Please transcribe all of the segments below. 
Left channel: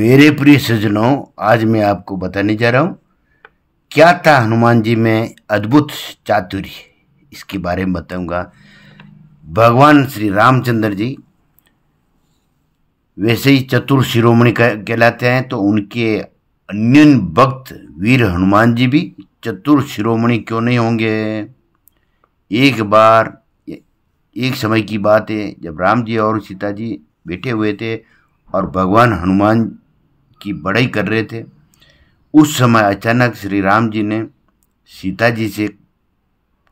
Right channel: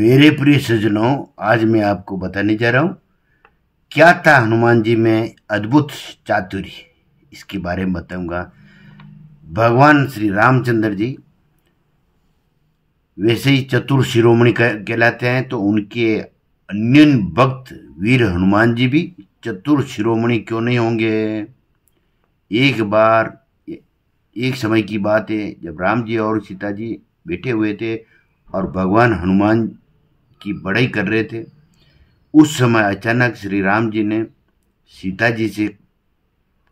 मेरे प्रिय सज्जनों, आज मैं आपको बताने जा रहा हूँ क्या था हनुमान जी में अद्भुत चातुर्य। इसके बारे में बताऊंगा। भगवान श्री रामचंद्र जी वैसे ही चतुर शिरोमणि कहलाते हैं, तो उनके अन्य भक्त वीर हनुमान जी भी चतुर शिरोमणि क्यों नहीं होंगे। एक बार एक समय की बात है, जब राम जी और सीता जी बैठे हुए थे और भगवान हनुमान की बड़ाई कर रहे थे। उस समय अचानक श्री राम जी ने सीता जी से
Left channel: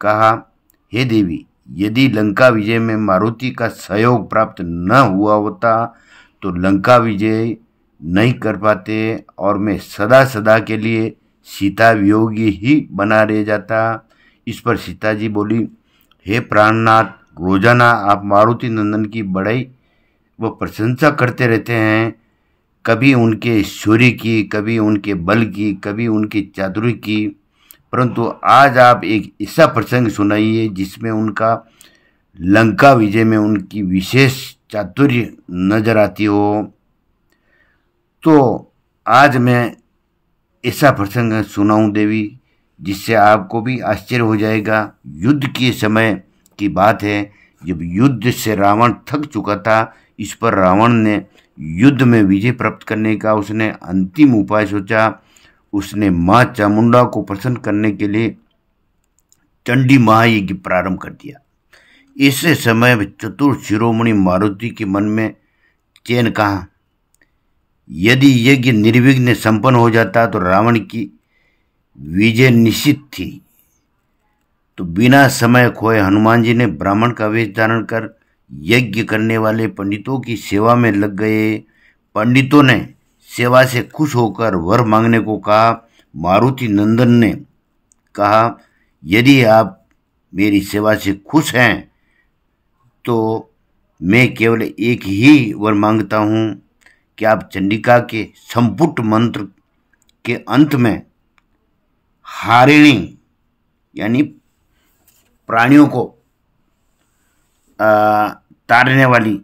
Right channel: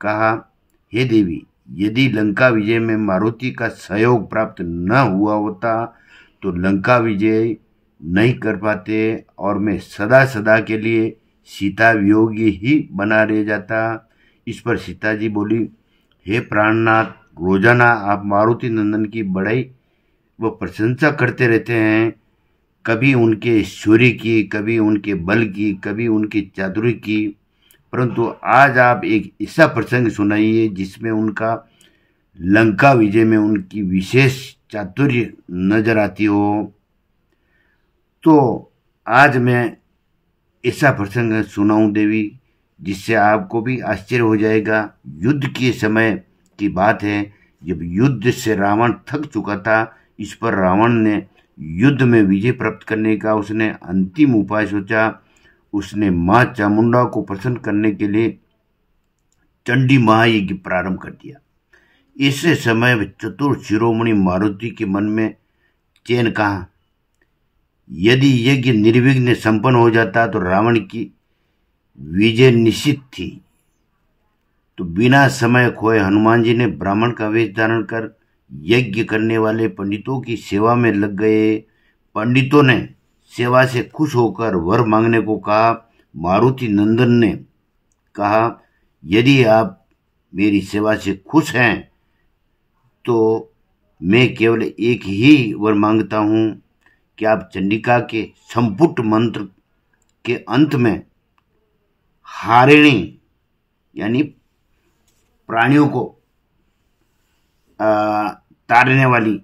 कहा, हे देवी, यदि लंका विजय में मारुति का सहयोग प्राप्त न हुआ होता तो लंका विजय नहीं कर पाते और मैं सदा सदा के लिए सीता वियोगी ही बना रह जाता। इस पर सीता जी बोली, हे प्राणनाथ, रोजाना आप मारुति नंदन की बड़ाई व प्रशंसा करते रहते हैं, कभी उनके शौर्य की, कभी उनके बल की, कभी उनकी चातुर्य की, परंतु आज आप एक ऐसा प्रसंग सुनाइए जिसमें उनका लंका विजय में उनकी विशेष चातुर्य नजर आती हो। तो आज मैं ऐसा प्रसंग सुनाऊं देवी, जिससे आपको भी आश्चर्य हो जाएगा। युद्ध के समय की बात है, जब युद्ध से रावण थक चुका था। इस पर रावण ने युद्ध में विजय प्राप्त करने का उसने अंतिम उपाय सोचा। उसने मां चामुंडा को प्रसन्न करने के लिए चंडी महायज्ञ प्रारंभ कर दिया। इस समय चतुर शिरोमणि मारुति के मन में चैन कहा। यदि यज्ञ निर्विघ्न संपन्न हो जाता तो रावण की विजय निश्चित थी। तो बिना समय खोए हनुमान जी ने ब्राह्मण का वेश धारण कर यज्ञ करने वाले पंडितों की सेवा में लग गए। पंडितों ने सेवा से खुश होकर वर मांगने को कहा। मारुति नंदन ने कहा, यदि आप मेरी सेवा से खुश हैं तो मैं केवल एक ही वर मांगता हूं कि आप चंडिका के संपुट मंत्र के अंत में हारिणी यानी प्राणियों को तारने वाली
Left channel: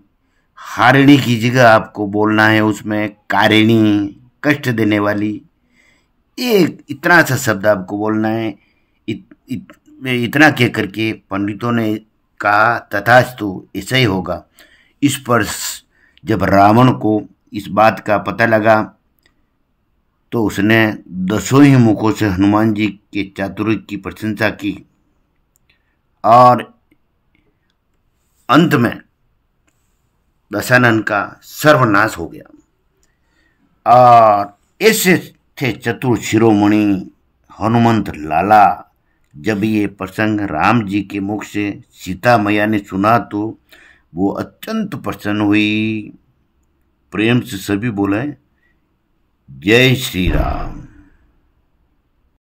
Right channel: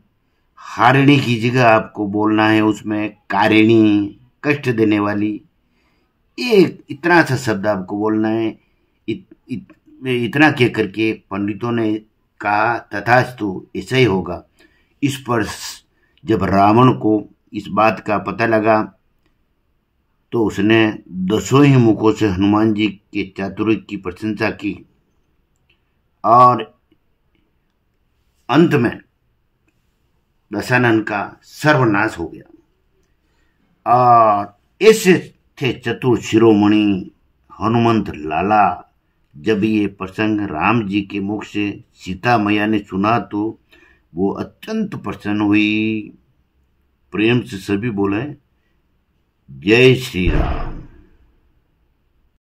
हारिणी की जगह आपको बोलना है उसमें कारिणी, कष्ट देने वाली, एक इतना सा शब्द आपको बोलना है। इतना कह करके पंडितों ने कहा, तथास्तु, ऐसा ही होगा। इस पर जब रावण को इस बात का पता लगा तो उसने 10 ही मुखों से हनुमान जी के चातुर्य की प्रशंसा की और अंत में दशानन का सर्वनाश हो गया। और ऐसे थे चतुर शिरोमणि हनुमंत लाला। जब ये प्रसंग राम जी के मुख से सीता मैया ने सुना तो वो अत्यंत प्रसन्न हुई। प्रेम से सभी बोले, जय श्री राम।